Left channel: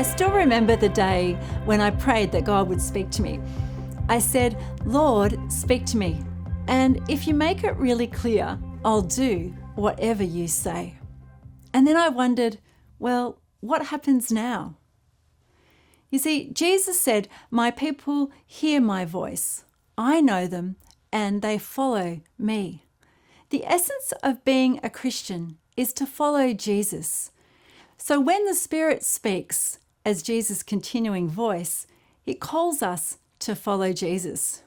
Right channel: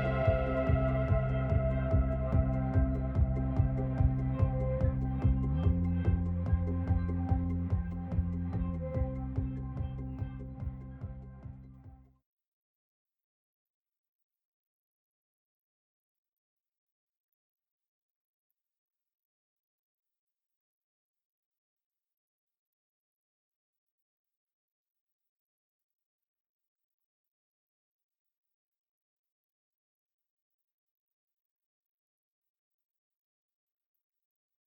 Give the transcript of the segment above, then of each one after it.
I still remember the day when I prayed that God would speak to me. I said, "Lord, speak to me. And if you make it really clear, I'll do whatever you say." And then I wondered, well, what happens now? You see, Jesus said, "My people hear my voice. I know them and they follow me." The essence of being a Christian is to follow Jesus. So when the Spirit speaks as Jesus' continuing voice, it calls us to follow Jesus.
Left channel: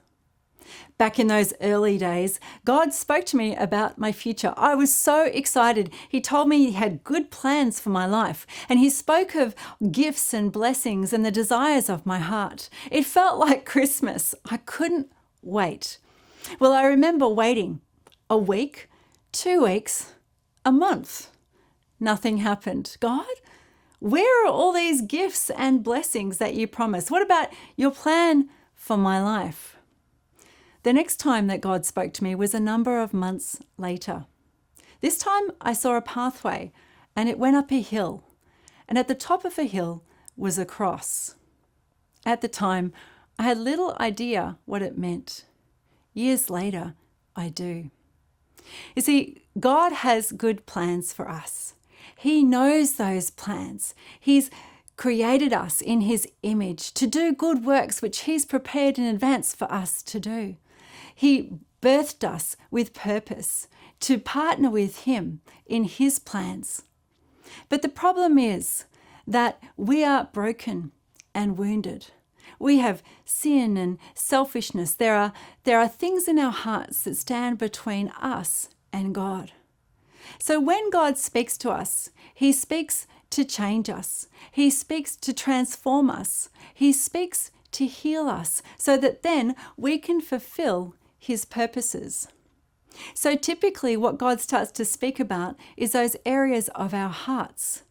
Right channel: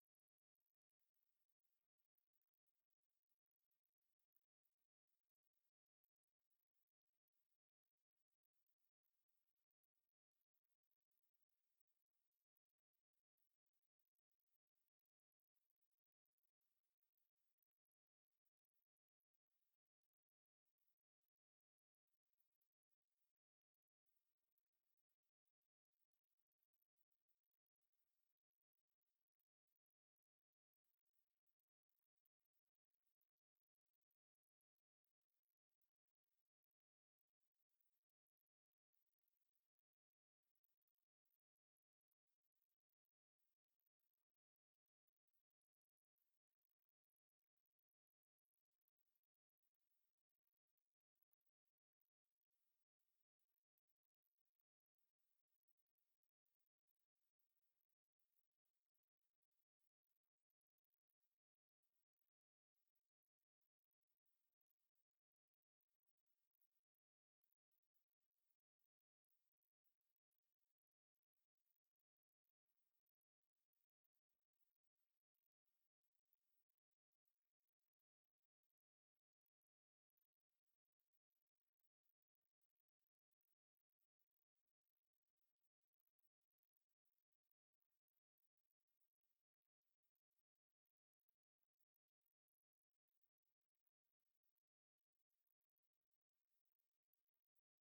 Back in those early days, God spoke to me about my future. I was so excited. He told me He had good plans for my life, and He spoke of gifts and blessings and the desires of my heart. It felt like Christmas. I couldn't wait. Well, I remember waiting a week, 2 weeks, a month. Nothing happened. God, where are all these gifts and blessings that you promised? What about your plan for my life? The next time that God spoke to me was a number of months later. This time I saw a pathway and it went up a hill, and at the top of a hill was a cross. At the time, I had little idea what it meant. Years later, I do. You see, God has good plans for us. He knows those plans. He's created us in His image to do good works which He's prepared in advance for us to do. He birthed us with purpose to partner with Him in His plans. But the problem is that we are broken and wounded. We have sin and selfishness. There are things in our hearts that stand between us and God. So when God speaks to us, He speaks to change us. He speaks to transform us. He speaks to heal us so that then we can fulfill His purposes. So typically what God starts to speak about is those areas of our hearts.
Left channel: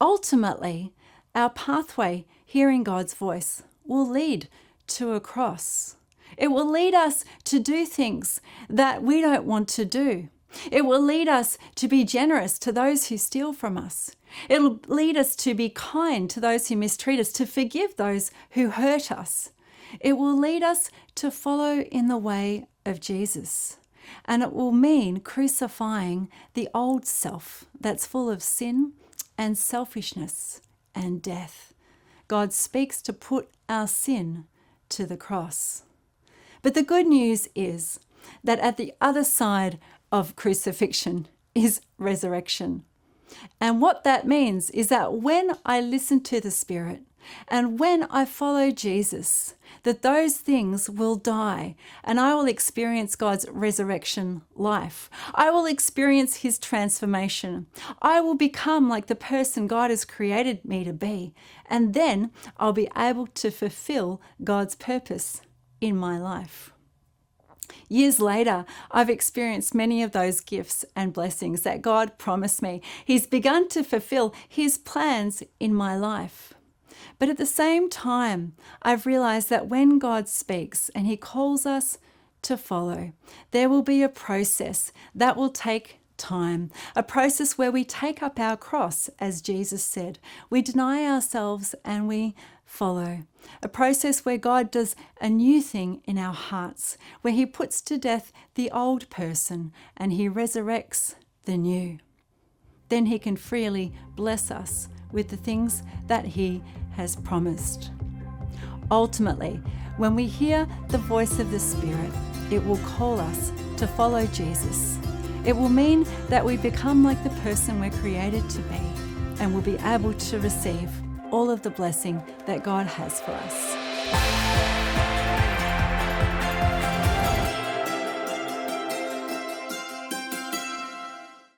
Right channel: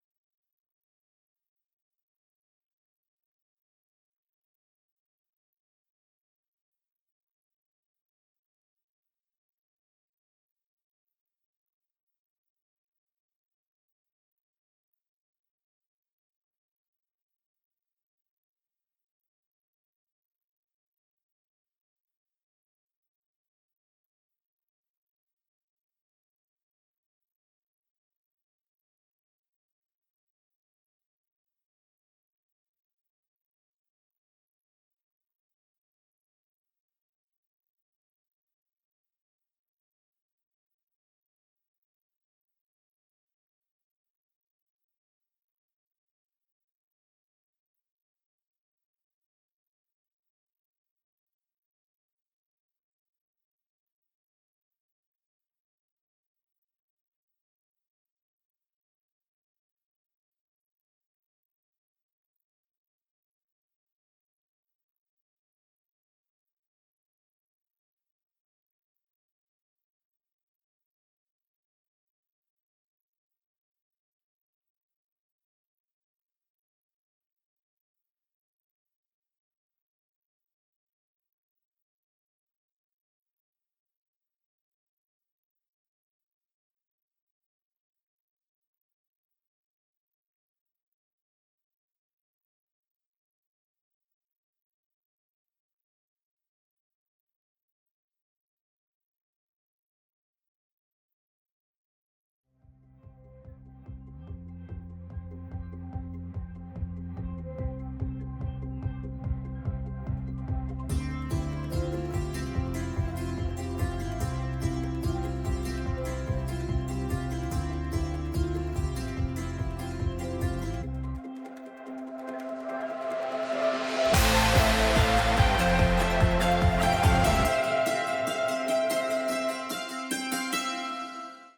Ultimately, our pathway hearing God's voice will lead to a cross. It will lead us to do things that we don't want to do. It will lead us to be generous to those who steal from us. It'll lead us to be kind to those who mistreat us, to forgive those who hurt us. It will lead us to follow in the way of Jesus. And it will mean crucifying the old self that's full of sin and selfishness and death. God speaks to put our sin to the cross. But the good news is that at the other side of crucifixion is resurrection. And what that means is that when I listen to the Spirit and when I follow Jesus, that those things will die and I will experience God's resurrection life. I will experience His transformation. I will become like the person God has created me to be. And then I'll be able to fulfill God's purpose in my life. Years later, I've experienced many of those gifts and blessings that God promised me. He's begun to fulfill His plans in my life. But at the same time, I've realized that when God speaks and He calls us to follow, there will be a process that will take time, a process where we take up our cross, as Jesus said. We deny ourselves and we follow. A process where God does a new thing in our hearts, where He puts to death the old person and He resurrects the new. Then He can freely bless us with the things that He has promised. Ultimately, when we hear the voice of the Spirit, it will call us to follow Jesus. It will mean that we become like the person we're created to be and will be able to receive all of the blessing that God has for us.